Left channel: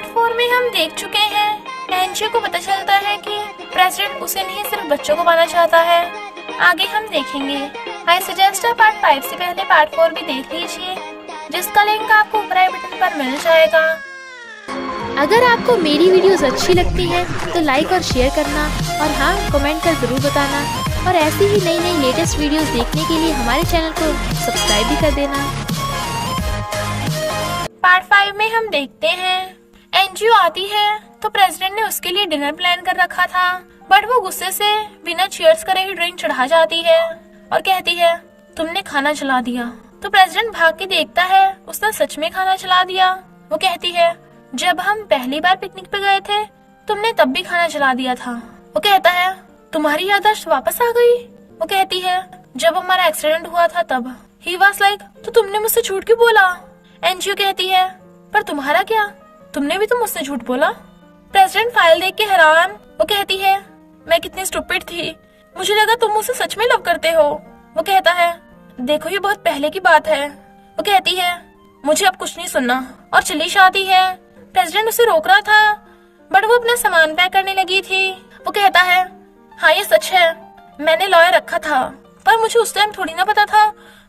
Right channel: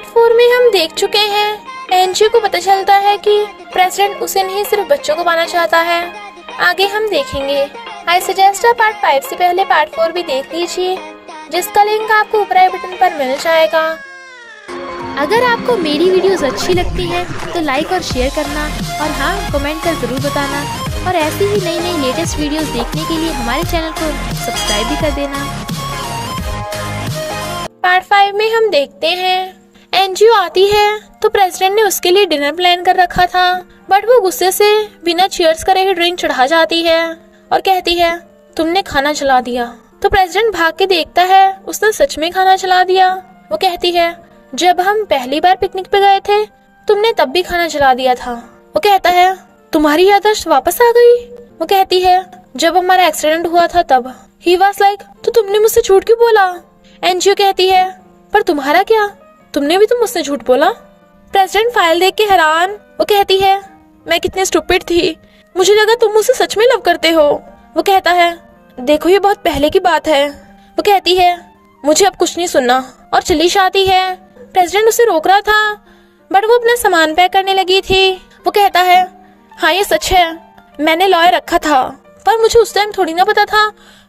Part 4 में हम देख चुके हैं एनजी को पता चलता है कि प्रेसिडेंट उसे नहीं सिर्फ बच्चों को पाना चाहता है। आगे हम देखेंगे। आई सजेस्ट पार्ट 5 से पहले पार्ट 4 भी देख लीजिए, जिसका लिंक आपको ऊपर आई बटन पर मिल जाएगा। अगर आपको मेरी वीडियोस अच्छी लगती हैं तो लाइक और शेयर करना, और हाँ, कमेंट कर ज़रूर बताना। और ऐसी ही नई नई लेटेस्ट वीडियोस देखने के लिए हमारे चैनल को सब्सक्राइब भी कर देना। पार्ट 5 में हम देखते हैं एनजीओ आती है तो प्रेसिडेंट ने उसके लिए डिनर प्लान कर रखा था, बट वो गुस्से से बिना चीयर्स करे ही ड्रिंक चढ़ा जाती है और कहती है तुमने खाना जला दिया। तो प्रेसिडेंट भाग के देखता है उसने सच में खाना जला दिया। वो कहती है जब हम पहली बार पिकनिक पे गए थे तुमने तब भी खाना जला दिया था। वो कहता है तुम्हारी याददाश्त वापस आ गई। वो कहती है जब हमारा एक्सीडेंट हुआ था तब। ही वाज लाइक तो तुमने मुझसे झूठ क्यों बोला। एनजीओ कहती है पर तुम्हारा क्या, तुमने भी तो मुझसे झूठ बोला। प्रेसिडेंट फाइल देख के हैरान। वो कहती है मैं कितनी स्टूपिड थी, मुझे लगा तुम मुझसे सच में लव करते हो। वो कहता है देखो ये बहुत पहले की बात है। वो कहती है मुझे अब कुछ नहीं सुनना और चली जाती है। प्रेसिडेंट उसे रोक रहा था बट वो अपना सामान पैक करने लगी थी। वो कहता है हाँ ये सच है, मैंने लॉयर रखा था, पर मुझे उस टाइम थोड़ी ना पता था,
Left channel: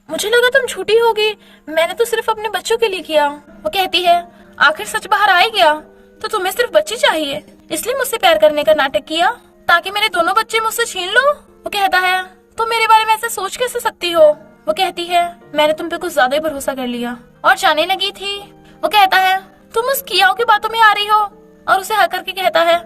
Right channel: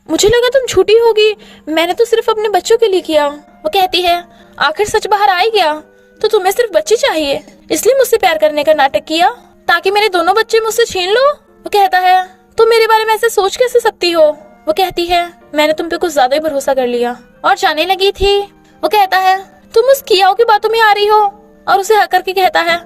मुझे लगा तुम झूठी होगी, मैंने तो सिर्फ अपने बच्चों के लिए किया। वो कहती है आखिर सच बाहर आ गया तो तुम्हें सिर्फ बच्चे चाहिए, इसलिए मुझसे प्यार करने का नाटक किया ताकि मेरे दोनों बच्चे मुझसे छीन लो। वो कहता है तुम मेरे बारे में ऐसे सोच कैसे सकती हो। वो कहती है मैंने तुम पे कुछ ज्यादा ही भरोसा कर लिया, और जाने लगी थी। वो कहता है तुम उस कियाओ की बातों में आ रही हो, और उसे हक करके कहता है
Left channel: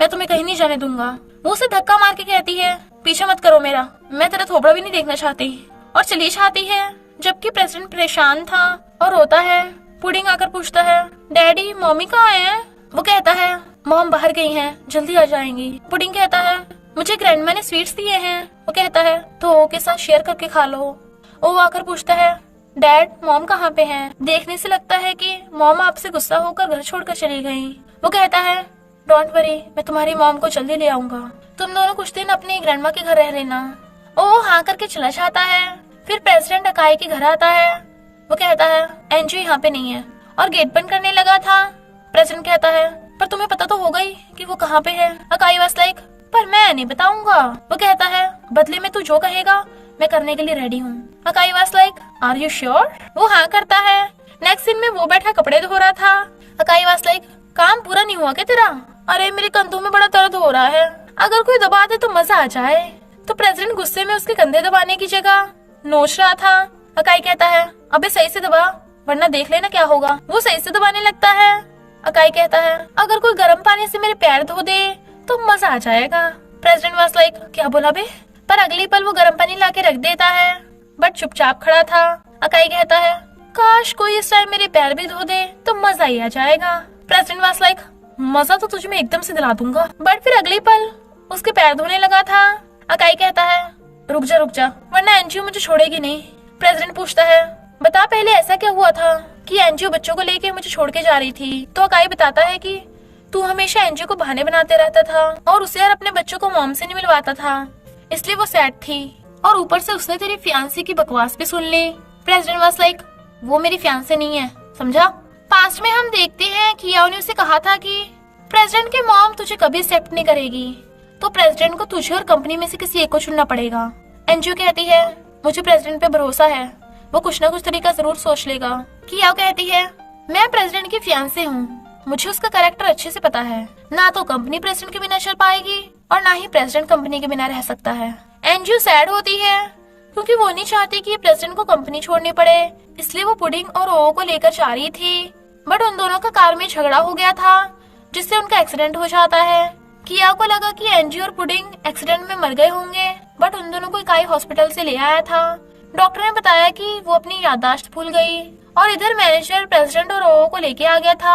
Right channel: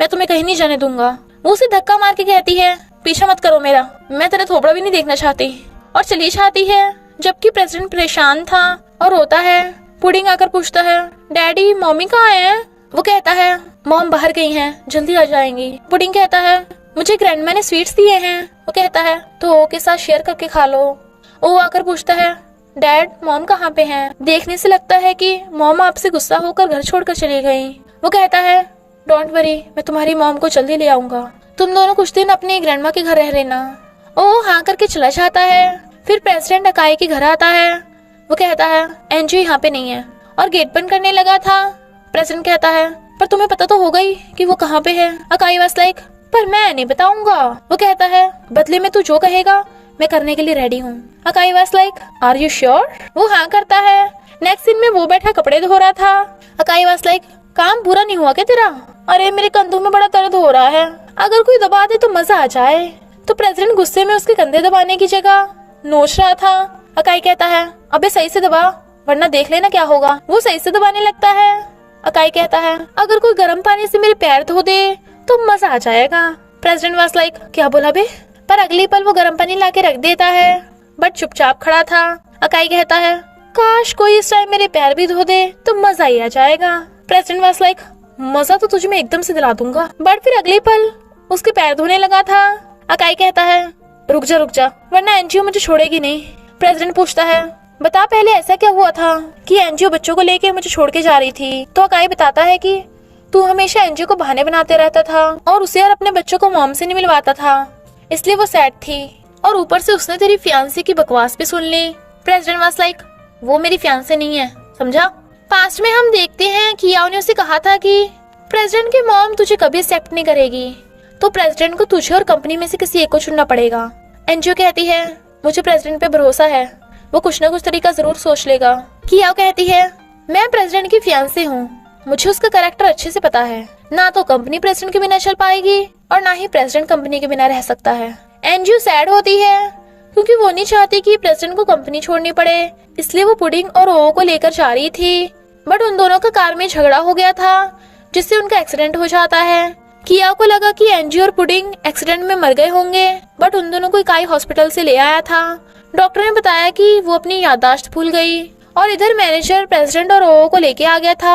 मैं तुम्हें कहीं नहीं जाने दूंगा। वो उसे धक्का मार के कहती है पीछा मत करो मेरा, मैं तेरा थोबड़ा भी नहीं देखना चाहती, और चली जाती है। जबकि प्रेसिडेंट परेशान था और रोता है। पुडिंग आकर पूछता है डैडी मम्मी कहाँ है। वो कहता है मॉम बाहर गई हैं, जल्दी आ जाएंगी। पुडिंग कहता है मुझे ग्रैंडमा ने स्वीट्स दिए हैं। वो कहता है तो ओ के साथ शेयर करके खा लो। ओ आकर पूछता है डैड मॉम कहाँ पे हैं। देखने से लगता है कि मॉम आपसे गुस्सा होकर घर छोड़कर चली गई। वो कहता है डोंट वरी, मैं तुम्हारी मॉम को जल्दी ले आऊंगा, तुम दोनों कुछ दिन अपने ग्रैंडमा के घर रह लेना। ओ हाँ करके चला जाता है। फिर प्रेसिडेंट अकाई के घर आता है। वो कहता है एनजीओ यहाँ पे नहीं है, और गेट बंद करने लगा था। प्रेसिडेंट कहता है पर तुम्हें पता तो होगा ही कि वो कहाँ पे है। अकाई वाज लाइक पर मैं नहीं बताऊंगा। वो कहता है बदले में तू जो कहेगा मैं करने के लिए रेडी हूँ। अकाई was like are you sure. वो हाँ करता है। नेक्स्ट सीन में वो बैठा कपड़े धो रहा था। अकाई वाज लाइक काम पूरा नहीं हुआ क्या तेरा। अरे मेरे कंधों में बड़ा दर्द हो रहा है, अगर कोई दबा दे तो मजा आ जाए। तो प्रेसिडेंट गुस्से में उसके कंधे दबाने की जगह नोच रहा था। अकाई कहता है अबे सही से दबा वरना देख लेना क्या होगा। वो सही से दबाने लगता है। अकाई कहता है अगर कोई गर्म पानी से मेरे पैर धो दे तो मजा आ जाएगा। प्रेसिडेंट वाज लाइक क्या बोला बे। पर अगली पल वो गर्म पानी लाके रख देता है, बट चुपचाप खड़ा था। अकाई कहता है काश कोई इस टाइम मेरे पैर भी धो दे तो मजा ही आ जाएगा। प्रेसिडेंट वाज लाइक मजा तो तुझे मैं एकदम से दिला दूंगा, बट फिर अगली पल उसके पैर धोने लगा था। अकाई कहता है रुक जा वरना एनजीओ मुझे छोड़ेगी नहीं। प्रेसिडेंट पूछता है बता पहले ऐसा क्या हुआ था कि एनजीओ बच्चों को लेके मुझे छोड़ के जा रही थी। तो अकाई बताता है कि तू हमेशा एनजीओ को बहाने बनाते रहता था और उसे यार अपने बच्चों को मॉम से नहीं मिलवाता था, इसलिए वो सैड थी, और ऊपर से उसने तेरी फियांसी की बकवास भी सुन ली। प्रेसिडेंट वाज लाइक वो मेरी फियांसी नहीं है, समझा। पास्ट में हम देखते हैं कि याओ ने उसे कहा था कि प्रेसिडेंट की मॉम तुझे कभी एक्सेप्ट नहीं करेगी, तो प्रेसिडेंट को तुझे और कंपनी में से किसी एक को चुनना पड़ेगा। एनजीओ कहती है मुझे प्रेसिडेंट पे भरोसा है, वो कुछ ना कुछ तरीका जरूर सोच लेगा। कि याओ कहती है मैं प्रेसिडेंट की फियांसी हूँ, मुझे उसका कैरेक्टर अच्छे से पता है, ना तो कंपनी प्रेसिडेंट के बिना चल पाएगी और ना ही प्रेसिडेंट कंपनी के बिना रह सकता है। एनजीओ सैड होती है क्योंकि वो नहीं चाहती कि प्रेसिडेंट को कंपनी छोड़नी पड़े, इसलिए वो पुडिंग और ओ को लेकर जा रही थी, बट उन दोनों का कार में झगड़ा हो गया था जिससे उनका एक्सीडेंट हो जाता है। किया को लगा कि एनजी और पुडिंग एक्सीडेंट में मर गए होंगे, बट उन दोनों को इकाई हॉस्पिटल से ले आया था। डॉक्टर ने बताया कि वो अपनी याददाश्त भूल गई, और इधर मैनेजर प्रेसिडेंट और ओ को लेके आ गया था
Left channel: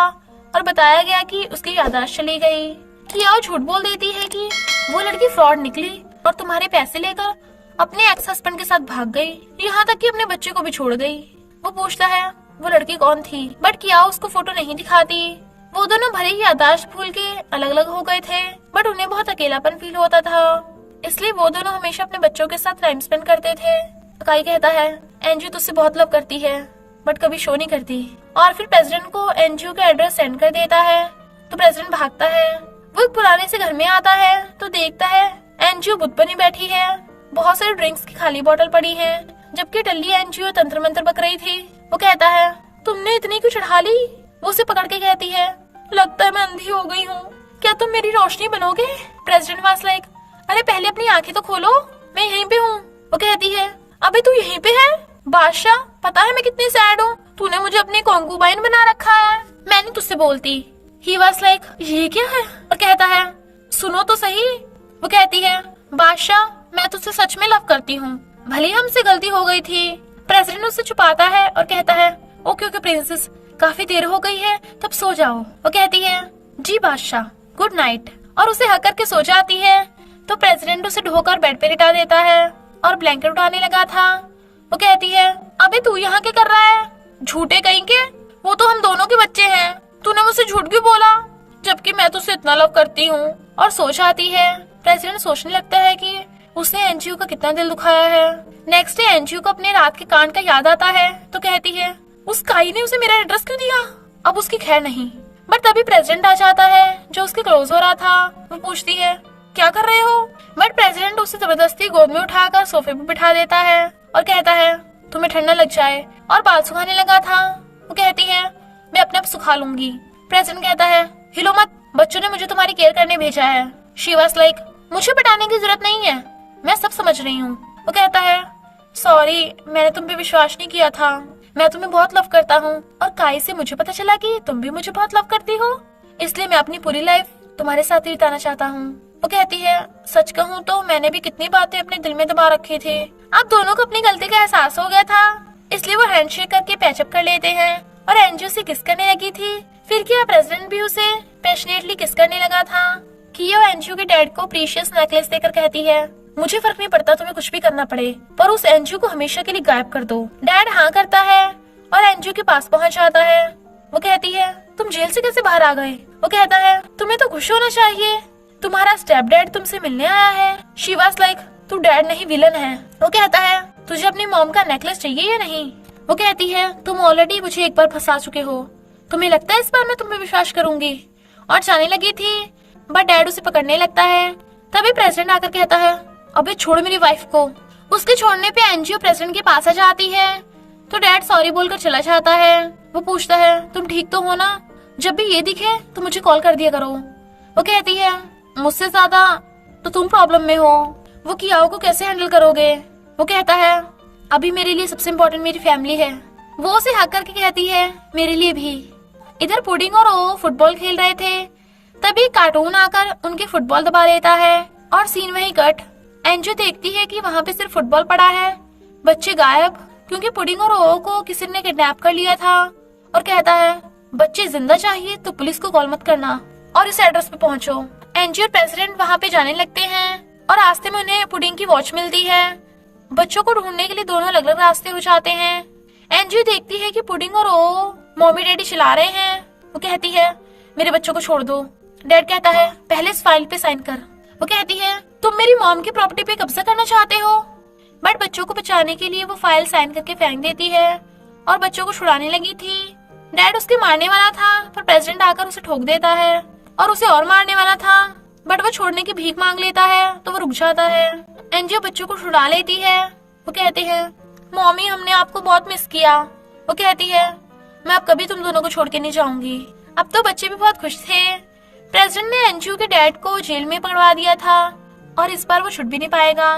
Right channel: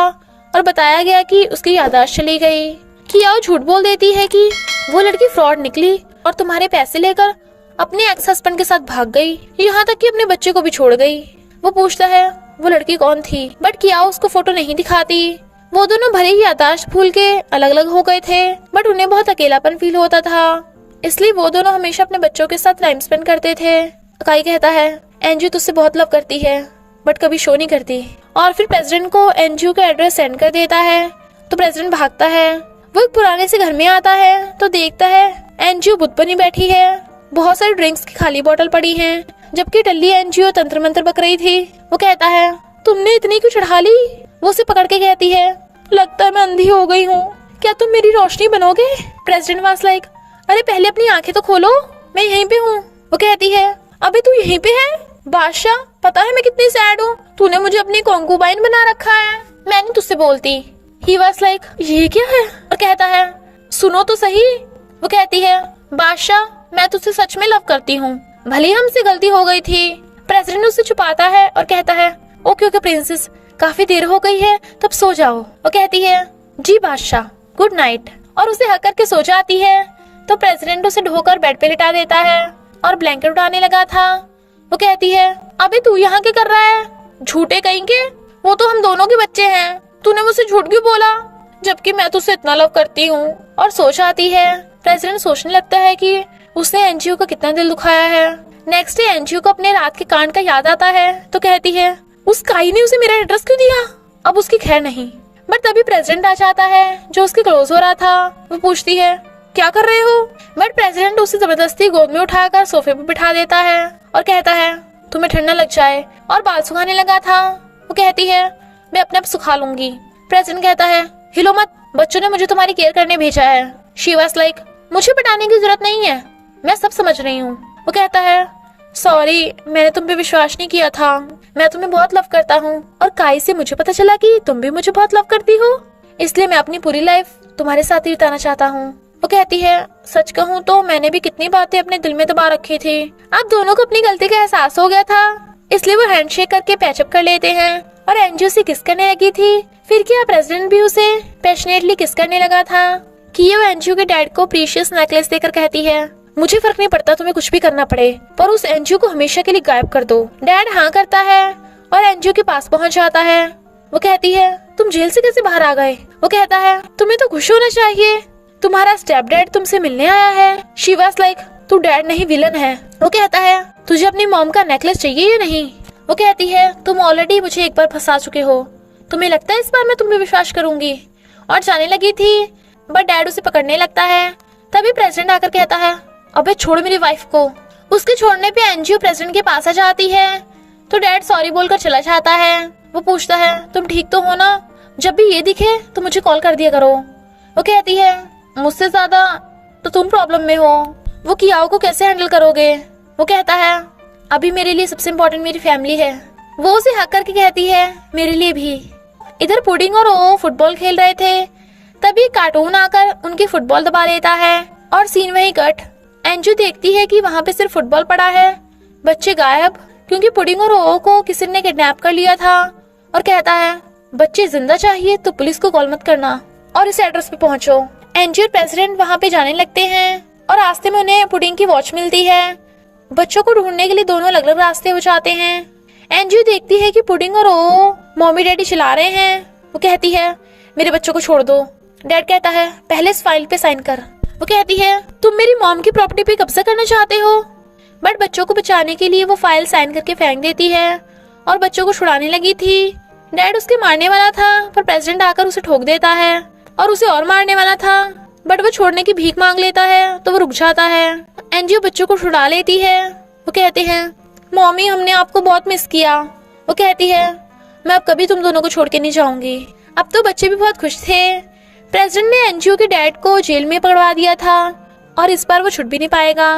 और बताया गया कि उसकी याददाश्त चली गई। किया झूठ बोल देती है कि वो लड़की फ्रॉड निकली और तुम्हारे पैसे लेकर अपने एक्स हस्बैंड के साथ भाग गई, यहाँ तक कि अपने बच्चे को भी छोड़ गई। वो पूछता है वो लड़की कौन थी, बट किया उसको फोटो नहीं दिखाती। वो दोनों भले ही याददाश्त भूल के अलग अलग हो गए थे, बट उन्हें बहुत अकेलापन फील होता था, इसलिए वो दोनों हमेशा अपने बच्चों के साथ टाइम स्पेंड करते थे। अकाई कहता है एंजू तुझसे बहुत लव करती है, बट कभी शो नहीं करती। और फिर प्रेसिडेंट को एनजीओ का एड्रेस सेंड कर देता है तो प्रेसिडेंट भागता है। वो एक पुराने से घर में आता है तो देखता है एनजीओ बुत बनी बैठी है, बहुत सारी ड्रिंक्स की खाली बोतल पड़ी है, जबकि टल्ली एनजीओ तंत्र मंत्र बक रही थी। वो कहता है तुमने इतनी क्यों चढ़ा ली? वो उसे पकड़ के कहती है लगता है मैं अंधी हो गई हूँ, क्या तुम मेरी रोशनी बनोगे? प्रेसिडेंट वाज लाइक अरे पहले अपनी आंखें तो खोलो, मैं यहीं पे हूँ। वो कहती है अबे तू यहीं पे है? बादशाह पता है मैं कितनी सैड हूँ, तूने मुझे अपनी कॉन्कुबाइन बना रखा है, मैं नहीं तुझसे बोलती। ही वाज लाइक ये क्या है? और कहता है सुनो तो सही। वो कहती है बादशाह मैं तुझसे सच में लव करती हूँ, भले ही हमसे गलती हो गई थी। प्रेसिडेंट उससे छुपाता है और कहता है ओके ओके प्रिंसेस, काफी देर हो गई है तब सो जाओ। वो कहती है जी बादशाह गुड नाइट, और उसे हक करके सो जाती है। तो प्रेसिडेंट उसे ढोकर बेड पे लिटा देता है और ब्लैंकेट उठाने लगा था। वो कहती है अबे तू यहाँ क्या कर रहा है? झूठे कहीं के, वो तो हम दोनों के बच्चे हैं, तूने मुझसे झूठ क्यों बोला जबकि मैं तुझसे इतना लव करती हूँ? और सो जाती है। प्रेसिडेंट सोचने लगता है कि उसने एनजीओ का कितना दिल दुखाया है। नेक्स्ट डे एनजीओ को अपने रात के कांड का याद आता है तो कहती है उस काई ने उसे मेरा एड्रेस क्यों दिया? अब उसकी खैर नहीं। बट तभी प्रेसिडेंट आ जाता है जो उसके क्लोज हो रहा था। वो पूछती है क्या कर रहे हो? बट प्रेसिडेंट उसे जबरदस्ती गोद में उठाकर सोफे पे बिठा देता है और कहता है तुम्हें ठंडा लग जाए, और बाल सुखाने लगा था। वो कहती है मैं अपने आप सुखा लूंगी। प्रेसिडेंट कहता है हिलो मत, बच्चों ने मुझे तुम्हारी केयर करने भेजा है। शी वाज लाइक मुझे बताने की जरूरत नहीं है, मैं सब समझ रही हूँ। वो कहता है सॉरी मैंने तुम पे विश्वास नहीं किया था, मैं तुम्हें बहुत लव करता हूँ और काई से मुझे पता चला कि तुम भी मुझे बहुत लव करती हो, इसलिए मैं अपनी पूरी लाइफ तुम्हारे साथ ही बिताना चाहता हूँ। वो कहती है सच कहूँ तो मैंने भी कितनी बातें अपने दिल में दबा रखी थी, अब दोनों को अपनी गलती का एहसास हो गया था, इसलिए वो हैंडशेक करके पैचअप कर लेते हैं। और एनजीओ से किस करने लगी थी, फिर क्या प्रेसिडेंट भी उसे पैशनेटली किस करने लगा था। कियो एनजीओ के डैड को प्रीशियस नेकलेस देकर कहती है मुझे फर्क नहीं पड़ता तुम्हें कुछ भी करना पड़े, पर उस एनजीओ को हमेशा के लिए गायब कर दो। डैड हाँ करता है और एनजीओ के पास पहुंच जाता है। वो कहती है तुम जेल से कैसे बाहर आ गए? वो कहता है तुम्हें तो खुश होना चाहिए, तुम्हारा स्टेप डैड तुमसे मिलने आया है। शी वाज लाइक तू डैड नहीं विलन है। वो कहता है तुझे अपनी मॉम का नेकलेस चाहिए या नहीं? वो कहती है तुम ऑलरेडी मुझे एक बार फंसा चुके हो, तुम्हें लगता है इस बार मैं तुम्हें विश्वास करूंगी? और जाने लगी थी बट डैड उसे पकड़ने लगता है। तभी प्रेसिडेंट आकर कहता है अबे छोड़ मेरी वाइफ को। उसके छोड़ने पे एनजीओ प्रेसिडेंट के पास आ जाती है तो डैड सॉरी बोलकर चला जाता है। वो पूछता है तुम ठीक तो हो ना? जब भी ये दिखे तो मुझे कॉल कर दिया करो। वो कहती है मुझसे ज्यादा तो तुम प्रॉब्लम में हो, वो कियाओ को कैसे हैंडल करोगे? वो कहता है अभी मेरे लिए सबसे इम्पोर्टेंट मेरी फैमिली है। वो उसे हक करके कहती है मेरे लिए भी। इधर पुडिंग और ओ फुटबॉल खेल रहे थे, तभी कार्टून आकर उनकी फुटबॉल दबा देता है और सीन वही कट। एंजू देखती है कि वहाँ पे सिर्फ फुटबॉल पड़ा है, बच्चे गायब, क्योंकि पुडिंग और ओ को किसी ने किडनैप कर लिया था। और कहता है बच्चे जिंदा चाहिए तो पुलिस को कॉल मत करना और इस एड्रेस पे पहुंचो। एंजू और प्रेसिडेंट वहाँ पे जाने लगते हैं और रास्ते में उन्हें पुडिंग की वॉच मिलती है। बच्चों को ढूंढने के लिए दोनों अलग अलग रास्ते हो जाते हैं। एंजू देखती है कि पुडिंग और ओ मम्मी डैडी चला रहे हैं। वो कहती है मेरे बच्चों को छोड़ दो। डैड कहता है पहले इस फाइल पे साइन कर। वो कहती है तुम मेरी मॉम की प्रॉपर्टी पे कब्जा करना चाहते हो, बट बच्चों को बचाने के लिए वो फाइल साइन करके फेंक देती है और बच्चों को छुड़ाने लगी थी। डैड उसके मारने वाला था पर प्रेसिडेंट आकर उसे ठोक देता है और उसे और मारने वाला था, बट वो छोड़ने की भीख मांग लेता है तो वो रुक जाता है। एनजीओ बच्चों को छुड़ा लेती है। वो कहते हैं मॉमी हमने आपको बहुत मिस किया। वो कहती है मैं अब कभी तुम दोनों को छोड़ के नहीं जाऊंगी। अब तो बच्चे भी बहुत खुश थे। प्रेसिडेंट ने एनजीओ के डैड को जेल में पकड़वा दिया था और इस बार वो छुट भी नहीं पाएगा।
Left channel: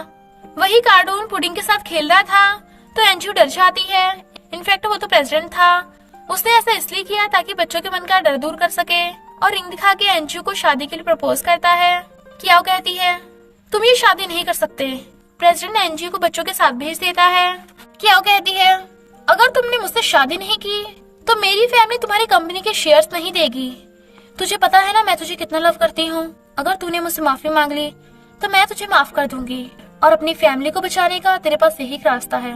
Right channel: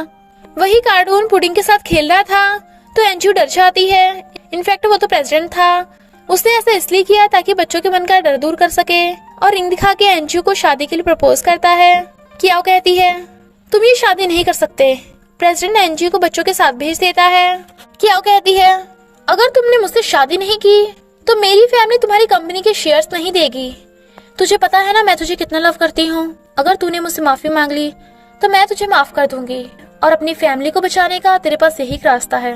वही कार्टून पुडिंग के साथ खेल रहा था तो एनजीओ डर जाती है। इनफैक्ट वो तो प्रेसिडेंट था, उसने ऐसा इसलिए किया ताकि बच्चों के मन का डर दूर कर सके और रिंग दिखा के एनजीओ को शादी के लिए प्रपोज करता है। कियाओ कहती है तुम ये शादी नहीं कर सकते। प्रेसिडेंट एनजीओ को बच्चों के साथ भेज देता है। कियाओ कहती है अगर तुमने मुझसे शादी नहीं की तो मेरी फैमिली तुम्हारी कंपनी के शेयर्स नहीं देगी। तुझे पता है ना मैं तुझे कितना लव करती हूँ। अगर तूने मुझसे माफी मांग ली तो मैं तुझे माफ कर दूंगी और अपनी फैमिली को बचाने का तेरे पास यही रास्ता है।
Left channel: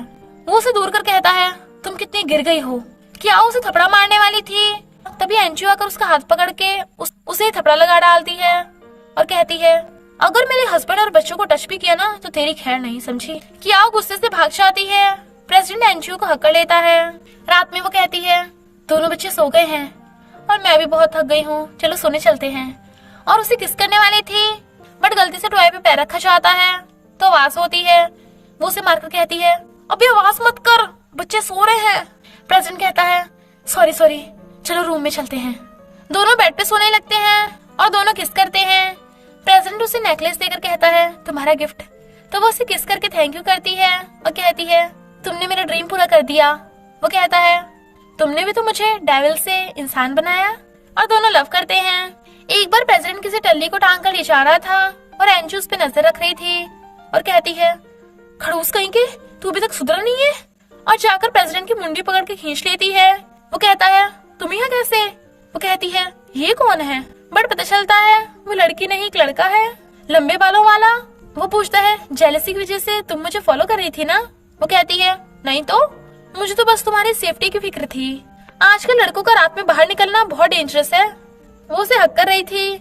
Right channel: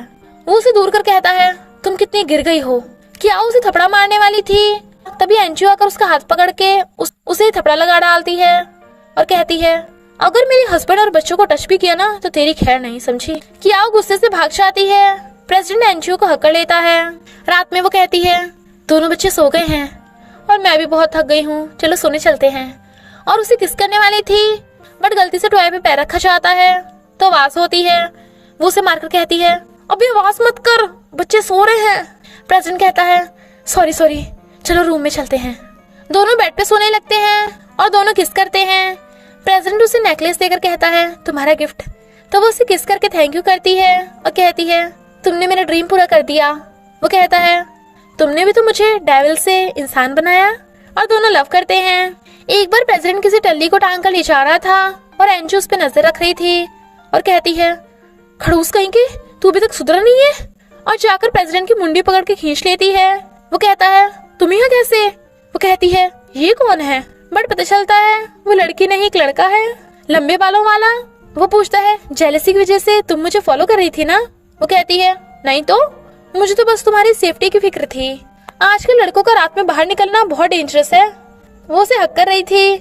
वो उसे दूर कर कहता है तुम कितनी गिर गई हो। क्या उसे थपड़ा मारने वाली थी, तभी एनजीओ आकर उसका हाथ पकड़ के उसे थपड़ा लगा डालती है और कहती है अगर मेरे हस्बैंड और बच्चों को टच भी किया ना तो तेरी खैर नहीं, समझी। क्या गुस्से से भाग जाती है प्रेसिडेंट एनजीओ को हक कर लेता है। रात में वो कहती है दोनों बच्चे सो गए हैं और मैं भी बहुत थक गई हूँ, चलो सोने चलते हैं। और उसे किस करने वाली थी बट गलती से टॉय पे पैर रखा जाता है तो आवाज होती है। वो उसे मारकर कहती है अभी आवाज मत कर, बच्चे सो रहे हैं। प्रेसिडेंट कहता है सॉरी चलो रूम में चलते हैं। दोनों बेड पे सोने लगते हैं और दोनों किस करते हैं। प्रेसिडेंट उसे नेकलेस देकर कहता है तुम्हारा गिफ्ट। तो वो उसे किस करके थैंक यू करती है और कहती है तुमने मेरा ड्रीम पूरा कर दिया। वो कहता है तुमने भी तो मुझे डेविल से इंसान बनाया। और दोनों लव करते हैं। एक बार प्रेसिडेंट किसी टल्ली को टांग कर ले जा रहा था और एंजू उस पे नजर रख रही थी और कहती है खड़ूस कहीं के, तू अभी तक सुधरा नहीं है। और जाकर प्रेसिडेंट की मुंडी पकड़ के खींच लेती है। वो कहता है तुम यहाँ कैसे। वो कहती है ये कौन है, बट पता चलता है वो लड़की नहीं एक लड़का है लंबे बालों वाला। वो पूछता है जेलसी की वजह से तुम मुझे फॉलो कर रही थी ना। वो कहती है नहीं तो, मुझे तो बस तुम्हारी सेफ्टी की फिक्र थी। आजकल लड़कों का रात में बाहर निकलना बहुत डेंजरस है। वो उसे हक कर रही थी,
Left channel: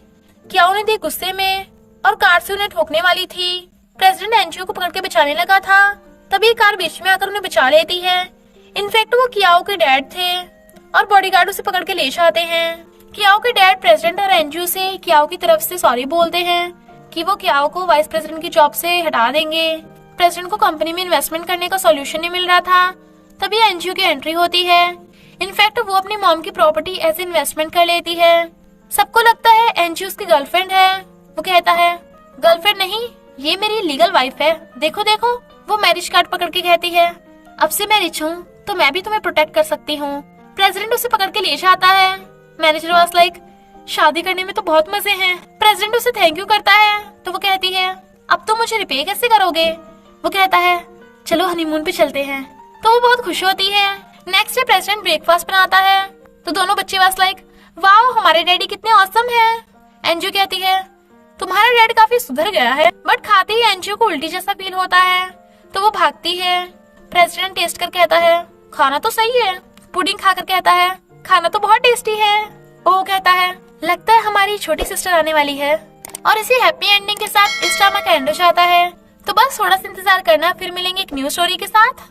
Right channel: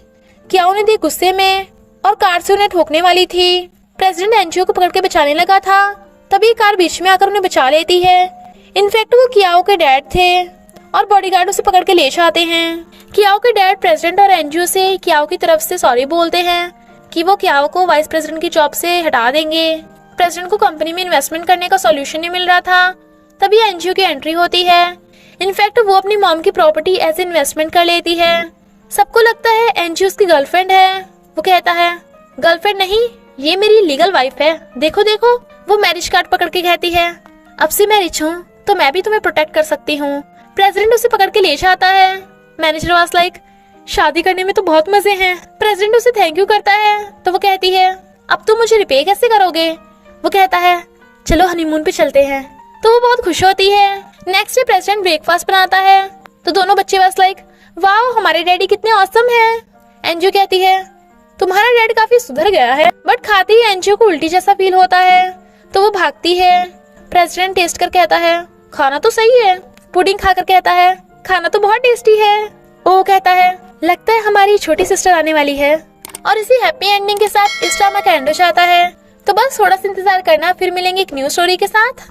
क्या उन्हें देख गुस्से में, और कार से उन्हें ठोकने वाली थी। प्रेसिडेंट एनजीओ को पकड़ के बचाने लगा था, तभी कार बीच में आकर उन्हें बचा लेती है। इनफैक्ट वो कियाओ के डैड थे और बॉडीगार्ड उसे पकड़ के ले जाते हैं। कियाओ के डैड प्रेसिडेंट और एनजीओ से कियाओ की तरफ से सॉरी बोलते हैं कि वो कियाओ को वाइस प्रेसिडेंट की जॉब से हटा देंगे। प्रेसिडेंट को कंपनी में इन्वेस्टमेंट करने का सॉल्यूशन नहीं मिल रहा था, तभी एनजीओ की एंट्री होती है। इनफैक्ट वो अपनी मॉम की प्रॉपर्टी एज इन्वेस्टमेंट कर लेती है। सबको लगता है एनजीओ उसकी गर्लफ्रेंड है। वो कहता है गर्लफ्रेंड नहीं, ये मेरी लीगल वाइफ है, देखो देखो। वो मैरिज कार्ड पकड़ के कहती है अब से मैं रिच हूँ तो मैं भी तुम्हें प्रोटेक्ट कर सकती हूँ। प्रेसिडेंट उसे पकड़ के ले जाता है। मैनेजर वाज लाइक शादी करने में तो बहुत मजे हैं। प्रेसिडेंट उसे थैंक यू करता है तो वो कहती है अब तुम मुझे रिपे कैसे करोगे। वो कहता है चलो हनीमून पे चलते हैं। तो वो बहुत खुश होती है। नेक्स्ट डे प्रेसिडेंट ब्रेकफास्ट बनाता है तो दोनों बच्चे वाज लाइक वाओ हमारे डैडी कितने ऑसम है। एनजीओ कहती है तुम्हारा डैड काफी सुधर गया है, बट खाते ही एनजीओ को उल्टी जैसा फील होता है तो वो भागती है। प्रेसिडेंट टेस्ट कर कहता है खाना तो सही है। पुडिंग खाकर कहता है खाना तो बहुत टेस्टी है। वो कहता है लगता है हमारी छोटी सिस्टर आने वाली है। और इसी हैप्पी एंडिंग के साथ इस ड्रामा का एंड हो जाता है। तो बस थोड़ा सा इंतजार करना, फिर मिलेंगे एक न्यू स्टोरी के साथ।